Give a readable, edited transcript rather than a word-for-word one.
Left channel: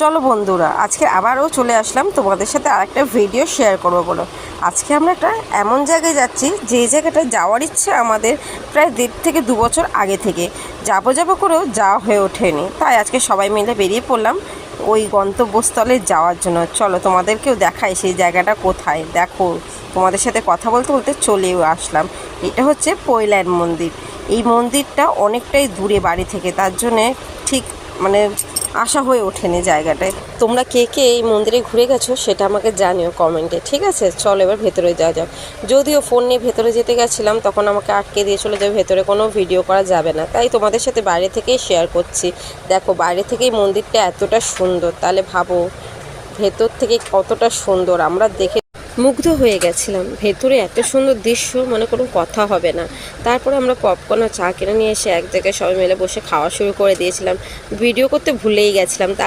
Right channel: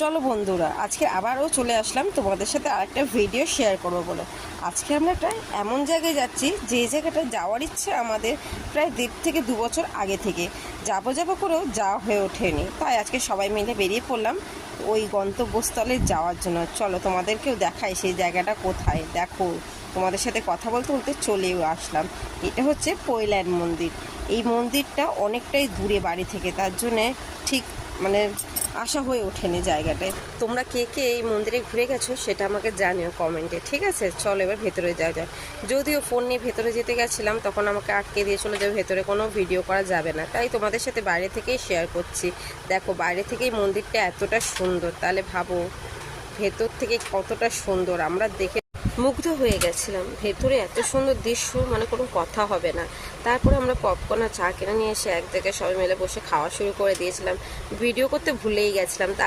চলো বন্ধুরা, আজকে আবারও চলে আসলাম তোমাদের সাথে আরেকটা ভিডিও শেয়ার করবো বলো। আজকে আমরা একটা এমন জায়গায় যাচ্ছি যে জায়গাটা যাওয়ার ইচ্ছে আমাদের প্রায় 1.5 থেকে 2 বছর আগে থেকে যাবো করেও যাওয়া হয়ে ওঠেনি। তাই আজকে সবাই মিলে বেরিয়ে পড়লাম ওই গন্তব্যস্থলে যাওয়ার জন্য। চলো তোমাদেরকেও দেখাই সেই জায়গাটা কোথায়। দেখো, তোমাদের সাথে কথা বলতে বলতে চলেও আসলাম। এটা হচ্ছে পৈলান মন্দির। এই মন্দিরটা অনেকটাই দূরে বাড়ি থেকে, তার জন্যে ঠিক আসা হয়ে ওঠেনি জায়গাটায়। তোমরা কে কে এই মন্দিরে ঘুরে গেছো সেটা আমাকে জানিও কমেন্টে, ঠিক আছে? চলো এবার ভেতরে যাওয়া যাক। যদিও ফোন নিয়ে ভেতরে যেতে গেছিলাম তখন আমাকে আটকে দিয়েছিল যে ভেতরে কোনো ভিডিও করা যাবে না, তাই তোমাদের সাথে বাইরে থেকেই শেয়ার করছি। দেখো, বাইরে থেকেই মন্দিরটা এতটা সুন্দর, তাহলে ভাবো ভেতর থেকে কতটা সুন্দর। আমরা দেখে মুগ্ধ হয়ে গেছিলাম। ভেতরে এত সুন্দর দৃশ্য, কোনো কথা হবে না। তারপরে আমরা পপকর্ন আর চা কিনে নিয়ে এসে এক জায়গায় সবাই মিলে বসে খাওয়া শুরু করে দিয়েছিলাম। ভিডিও করতে ভুলেই গেছিলাম।